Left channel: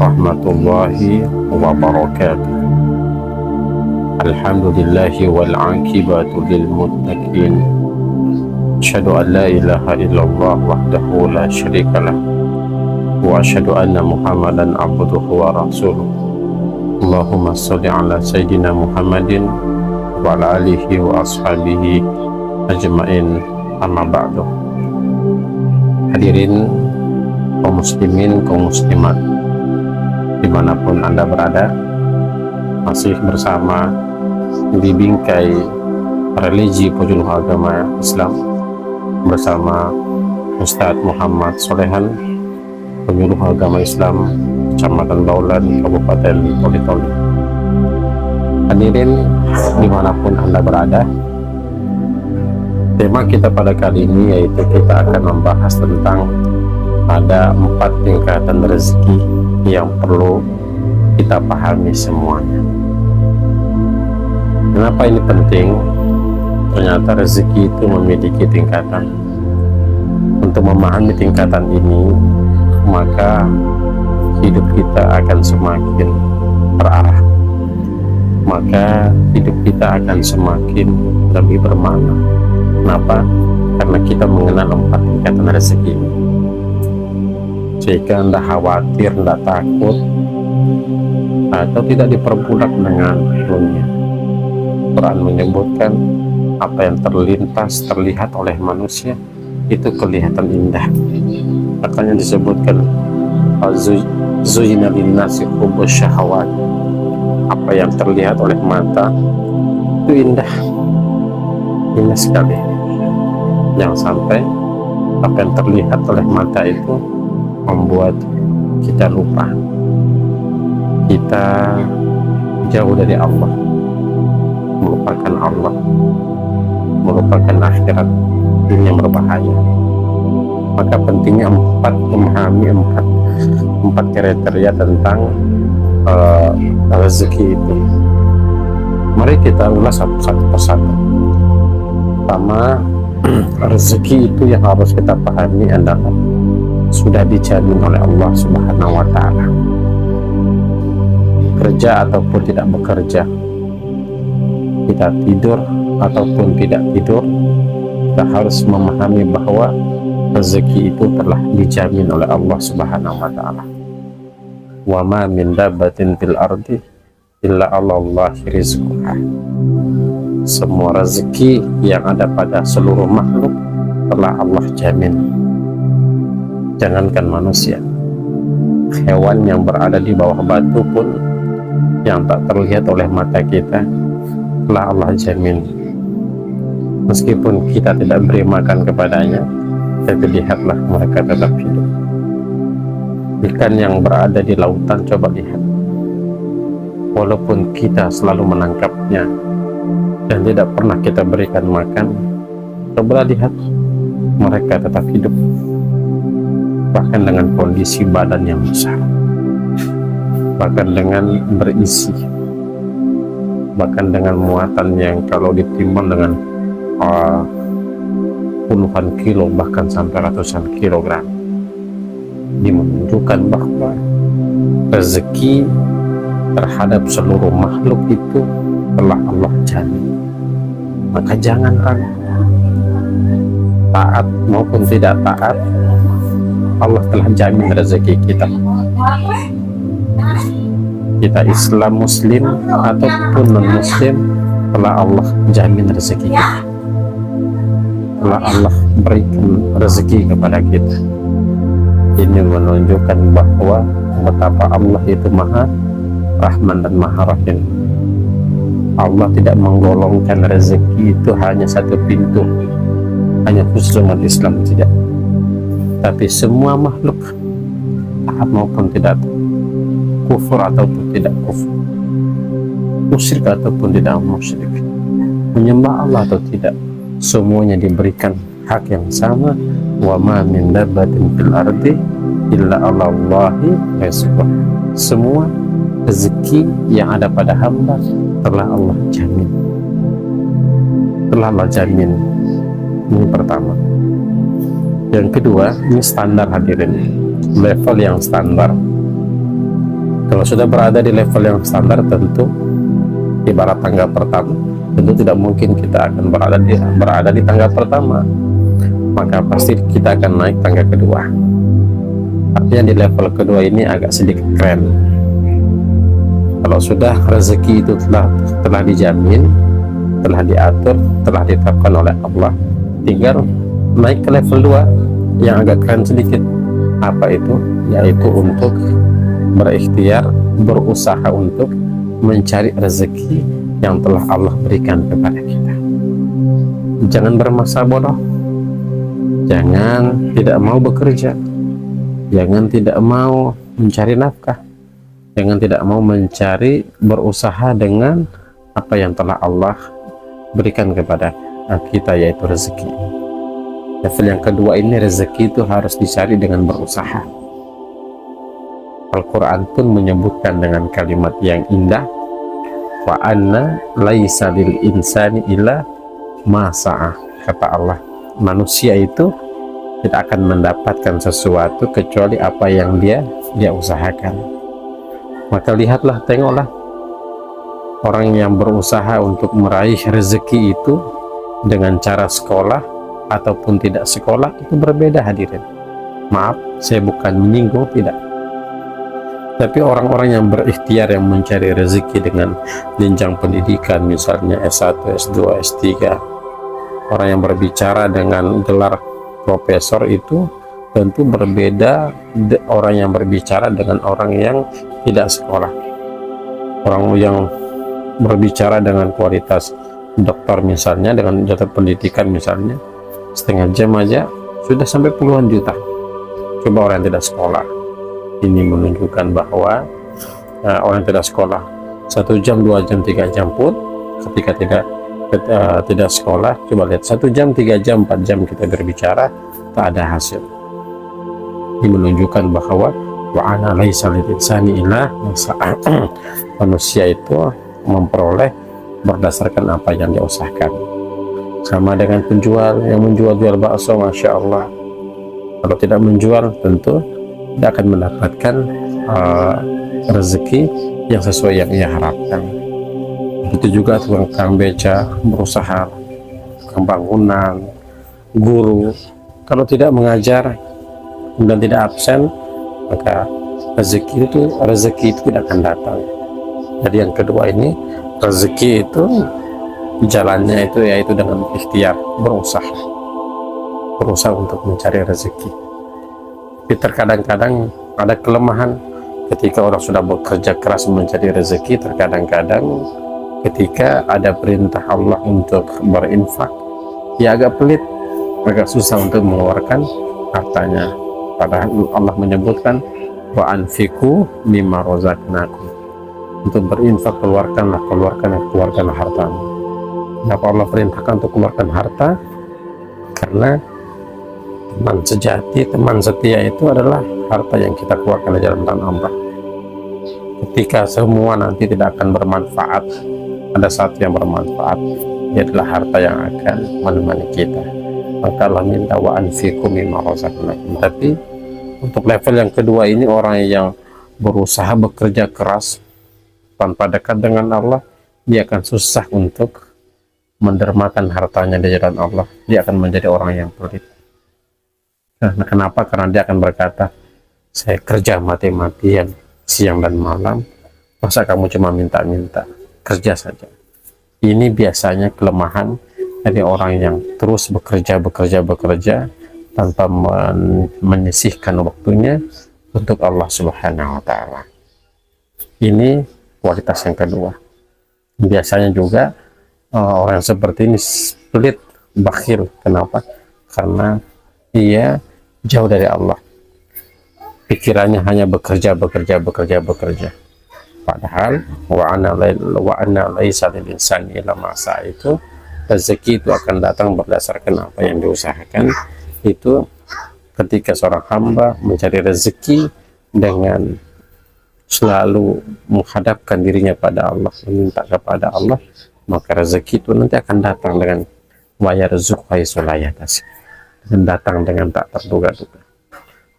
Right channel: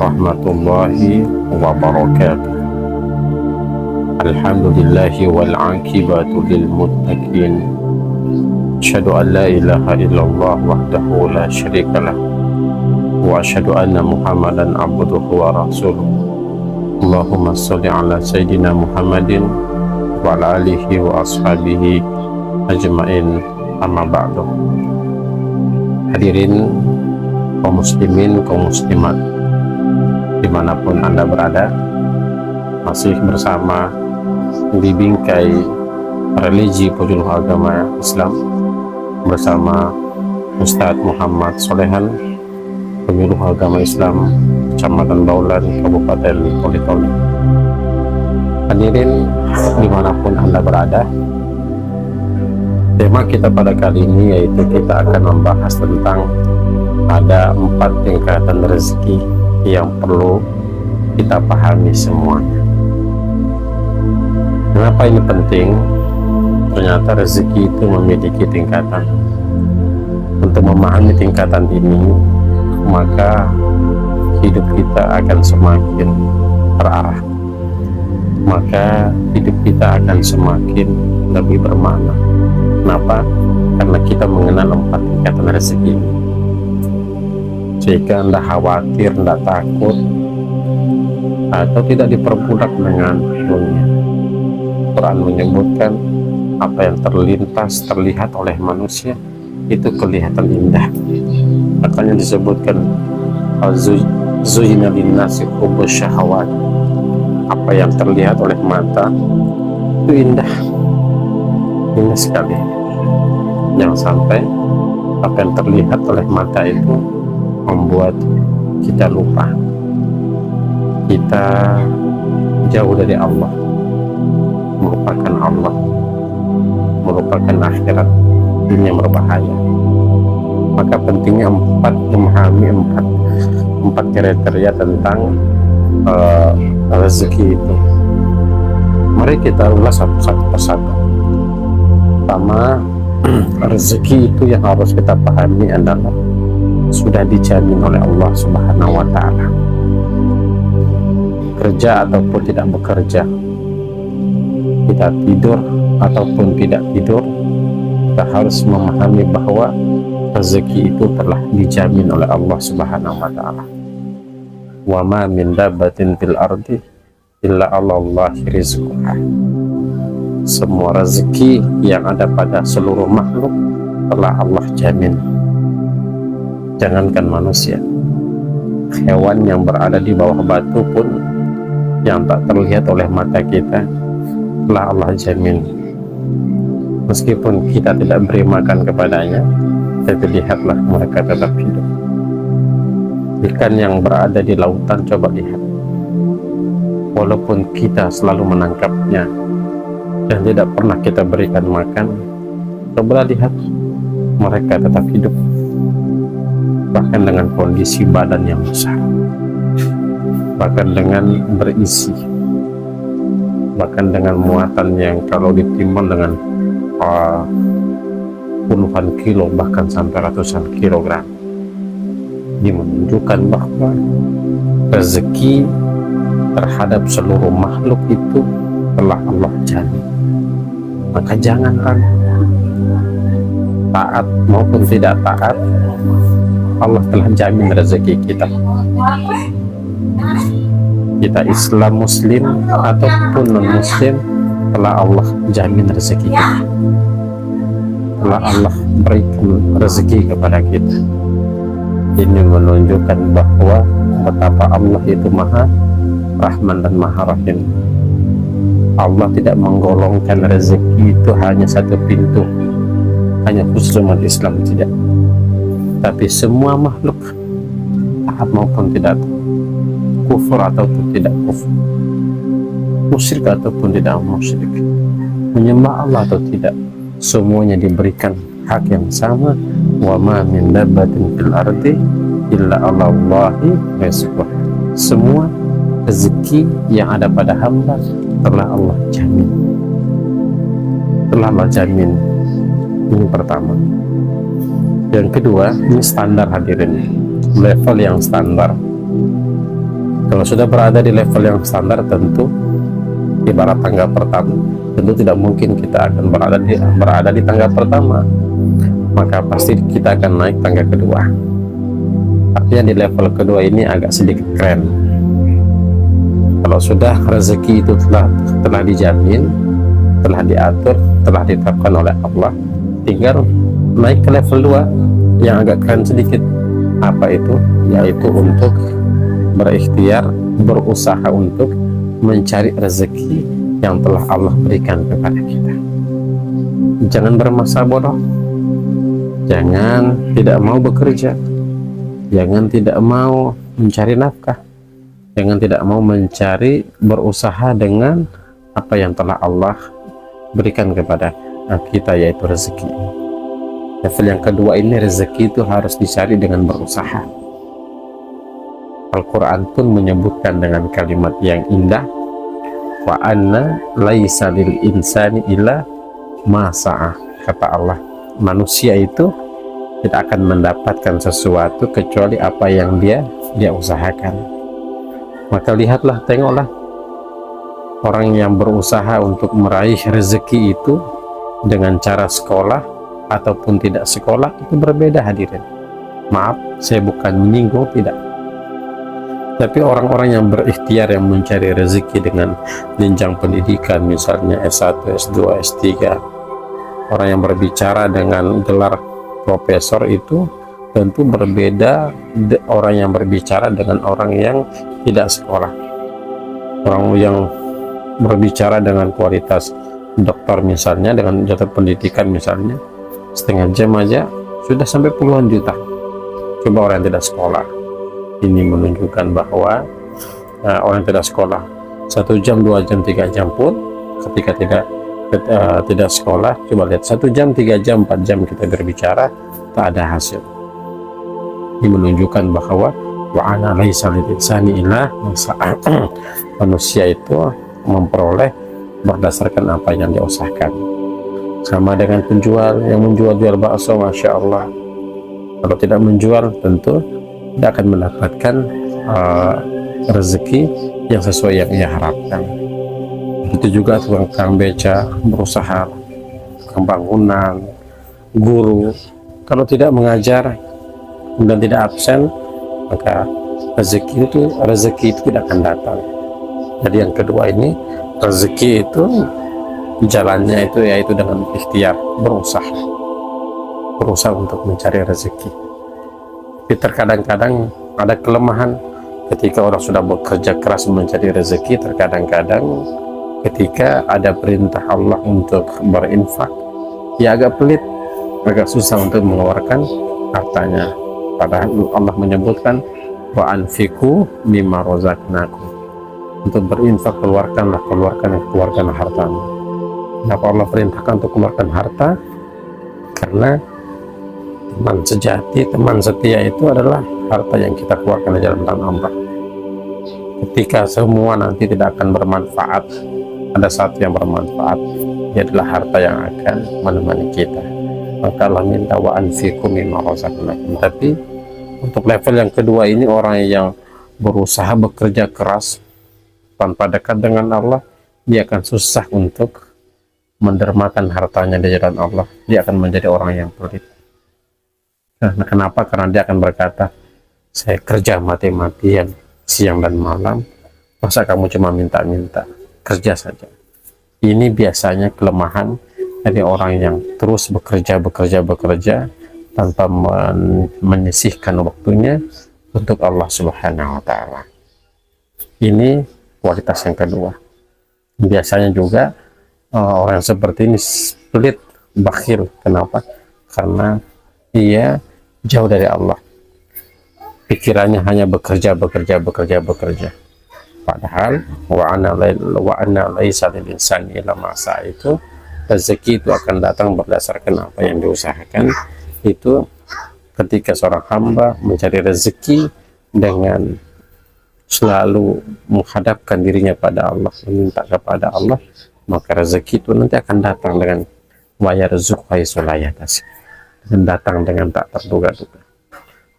warahmatullahi wabarakatuh. Alhamdulillahi wal aqibatu lil muttaqin. Asyhadu an la ilaha illallah wahdahu la syarikalah wa asyhadu anna Muhammadan abduhu wa rasuluh. Allahumma sholli ala sayyidina Muhammadin wa ala alihi wa ashabihi ajmain, amma ba'du. Hadirin kaum muslimin, kaum muslimat dimanapun Anda berada, masih bersama di bingkai religi pejuang agama Islam bersama Ustadz Muhammad Solehan, penyuluh agama Islam Kecamatan Baulan, Kabupaten Toli-Toli. Hadirin dimanapun Anda berada, tema kita pada kali ini yaitu kita akan membahas tentang ada 4 tingkatan rezeki yang perlu kita pahami semuanya. Kenapa ini penting? Ternyata rezeki itu memiliki tingkatan. Untuk memahami tingkatan ini, maka hidup kita akan semakin terarah, maka hidup kita akan semakin lebih bermakna. Kenapa? Karena kita mengenal 4 tingkatan rezeki ini. Jika Anda khawatir, Anda takut, atau tidak diperbudak dengan dunia, Quran menyebutkan apa yang terlihat oleh manusia itu kelihatan indah. Makanya disebutkan zuyyina linnasi hubbus syahawat. Apa yang terlihat oleh mata itu indah, indah sekali. Jangan sampai apa yang terlihat oleh mata itu membuat kita lupa, kita jauh dari Allah, melupakan Allah, melupakan akhirat. Ini yang berbahaya. Maka pentingnya memahami empat kriteria tentang rezeki itu. Mari kita ulas satu persatu. Pertama, rezeki itu yang harus kita pahami adalah sudah dijamin oleh Allah Subhanahu wa Ta'ala. Kerja ataupun tidak bekerja, kita tidur ataupun tidak tidur, kita harus memahami bahwa rezeki itu telah dijamin oleh Allah Subhanahu wa Ta'ala. Wa ma min dabbatin fil ardi illa 'alallahi rizquha. Semua rezeki yang ada pada seluruh makhluk telah Allah jamin. Jangankan manusia, hewan yang berada di bawah batu pun yang tak terlihat oleh mata kita telah Allah jamin. Meskipun kita tidak beri makan kepadanya, tapi lihatlah mereka tetap hidup. Ikan yang berada di lautan, coba lihat, walaupun kita selalu menangkapnya dan tidak pernah kita berikan makan, coba lihat, mereka tetap hidup, bahkan dengan kondisi badan yang besar, bahkan dengan berisi, bahkan dengan muatan yang kalau ditimbang dengan puluhan kilo, bahkan sampai ratusan kilogram. Ini menunjukkan bahwa rezeki terhadap seluruh makhluk itu telah Allah jamin. Maka jangan ragu, taat maupun tidak taat, Allah telah jamin rezeki kita. Kita Islam, Muslim ataupun non-Muslim, telah Allah jamin rezeki kita, telah Allah berikan rezeki kepada kita. Ini menunjukkan bahwa betapa Allah itu Maha Rahman dan Maha Rahim. Allah tidak menggolongkan rezeki itu hanya satu pintu, hanya khusus umat Islam, tidak. Tapi semua makhluk, taat maupun tidak, kufur ataupun tidak kufur, musyrik ataupun tidak musyrik, menyembah Allah atau tidak, semuanya diberikan hak yang sama. Wa ma min dabbatin fil ardi illa 'alallahi rizquha. Semua rezeki yang ada pada hamba telah Allah jamin, telah Allah jamin. Ini pertama. Yang kedua, ini standar hadirin, level yang standar. Kalau sudah berada di level yang standar, tentu ibarat tangga pertama, tentu tidak mungkin kita akan berada di tangga pertama, maka pasti kita akan naik tangga kedua. Artinya di level kedua ini agak sedikit keren. Kalau sudah rezeki itu telah dijamin, telah diatur, telah ditetapkan oleh Allah, tinggal naik ke level 2 yang agak keren sedikit. Apa itu? Yaitu untuk berikhtiar, berusaha untuk mencari rezeki yang telah Allah berikan kepada kita. Jangan bermasa bodoh, jangan tidak mau bekerja, jangan tidak mau mencari nafkah, jangan tidak mau mencari, berusaha dengan apa yang telah Allah berikan kepada kita, yaitu rezeki. Level yang kedua ini, rezeki itu harus dicari dengan berusaha. Al-Quran pun menyebutkan dengan kalimat yang indah, wa anna laisa lil insani illa ma sa'ah. Kata Allah, manusia itu tidak akan mendapatkan sesuatu kecuali apa yang dia usahakan. Maka lihatlah, tengoklah orang yang berusaha untuk meraih rezeki itu dengan cara sekolah ataupun tidak sekolah, itu berbeda hadirin. Maaf, saya bukan menyinggung, tidak. Tapi orang-orang yang berikhtiar, yang mencari rezeki dengan jenjang pendidikan, misalnya S1, S2, S3, orang yang berbicara dengan gelar profesor, itu tentu berbeda orang yang berbicara dengan orang yang tidak sekolah. Orang yang berbicara dengan kualitas dokter misalnya, dengan jatuh pendidikan misalnya, setengah jam aja sudah sampai puluhan juta. Coba orang yang tidak sekolah. Ini menunjukkan bahwa orang yang tidak sekolah 1 jam, 2 jam, 3 jam pun ketika tidak sekolah, coba lihat 1 jam, 3 jam, 4 jam kita berbicara, tak ada hasil. Ini menunjukkan bahwa wa ana laisa lil insani illa ma sa'a. Manusia itu memperoleh berdasarkan apa yang dia usahakan. Sama dengan penjual yang menjual bakso, masya Allah, kalau tidak menjual tentu tidak akan mendapatkan rezeki yang sesuai yang ia harapkan. Begitu juga tukang beca, berusaha, tukang bangunan, guru, kalau tidak mengajar dan tidak absen, maka rezeki itu tidak akan datang. Jadi yang kedua ini, rezeki itu jalannya itu yaitu dengan ikhtiar, berusaha untuk mencari rezeki. Tapi terkadang-kadang ada kelemahan ketika orang sudah bekerja keras mencari rezeki. Terkadang-kadang ketika ada perintah Allah untuk berinfak, ya agak pelit, agak susah untuk mengeluarkan hartanya. Padahal Allah menyebutkan wa anfiqu mimma razaqnakum, untuk berinfak keluarkanlah hartamu. Kenapa Allah perintahkan untuk keluarkan harta? Karena teman sejati, teman setia itu adalah harta yang kita keluarkan di jalan Allah. Ketika semua nanti tidak akan bermanfaat, ada satu yang bermanfaat, dia adalah harta yang akan menemani kita. Maka Allah minta wa anfiqu mimma razaqnakum. Tapi untuk level yang kedua ini, orang yang berusaha bekerja keras tanpa dekat dengan Allah, dia akan susah untuk mendermakan hartanya di jalan Allah. Dia akan menjadi orang yang pelit. Nah, kenapa? Karena dia akan berkata, saya kerja mati-matian siang dan malam, masa kamu cuma minta-minta? Kerja saja. Ini biasanya kelemahan dari orang yang terus bekerja tanpa menyisihkan waktunya untuk Allah Subhanahu wa Ta'ala. Ini kualitas yang kedua. Biasanya juga orang seperti ini pelit, bakhil. Kenapa? Karena ia jauh dari Allah, pikirannya hanya bekerja. Padahal wa anna laisa lil insani illa ma sa'a, itu rezeki itu akan datang berdasarkan apa yang diusahakan. Itu ketika seorang hamba mencari rezeki dengan selalu menghadapkan dirinya pada Allah, meminta kepada Allah, maka rezeki itu nanti akan datang dengan wa yarzuqu haitsu la yahtasib, dan datang dengan tak terduga-duga.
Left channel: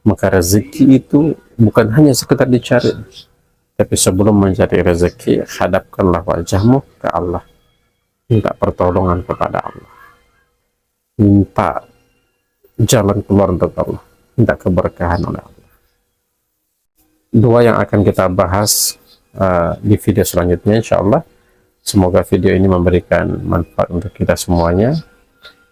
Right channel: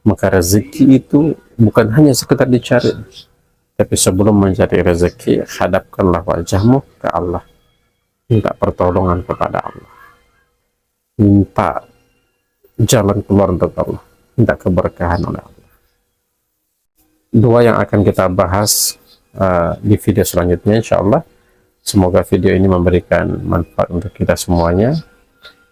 Maka rezeki itu bukan hanya sekedar dicari, Tapi sebelum mencari rezeki, hadapkanlah wajahmu ke Allah. Minta pertolongan kepada Allah. Minta jalan keluar untuk Allah. Minta keberkahan oleh Allah. Dua yang akan kita bahas di video selanjutnya, insya Allah. Semoga video ini memberikan manfaat untuk kita semuanya.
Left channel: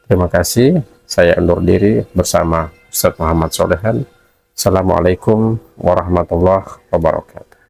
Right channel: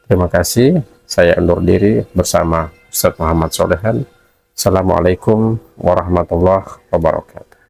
Terima kasih. Saya undur diri bersama Ustaz Muhammad Solehan. Assalamualaikum warahmatullahi wabarakatuh.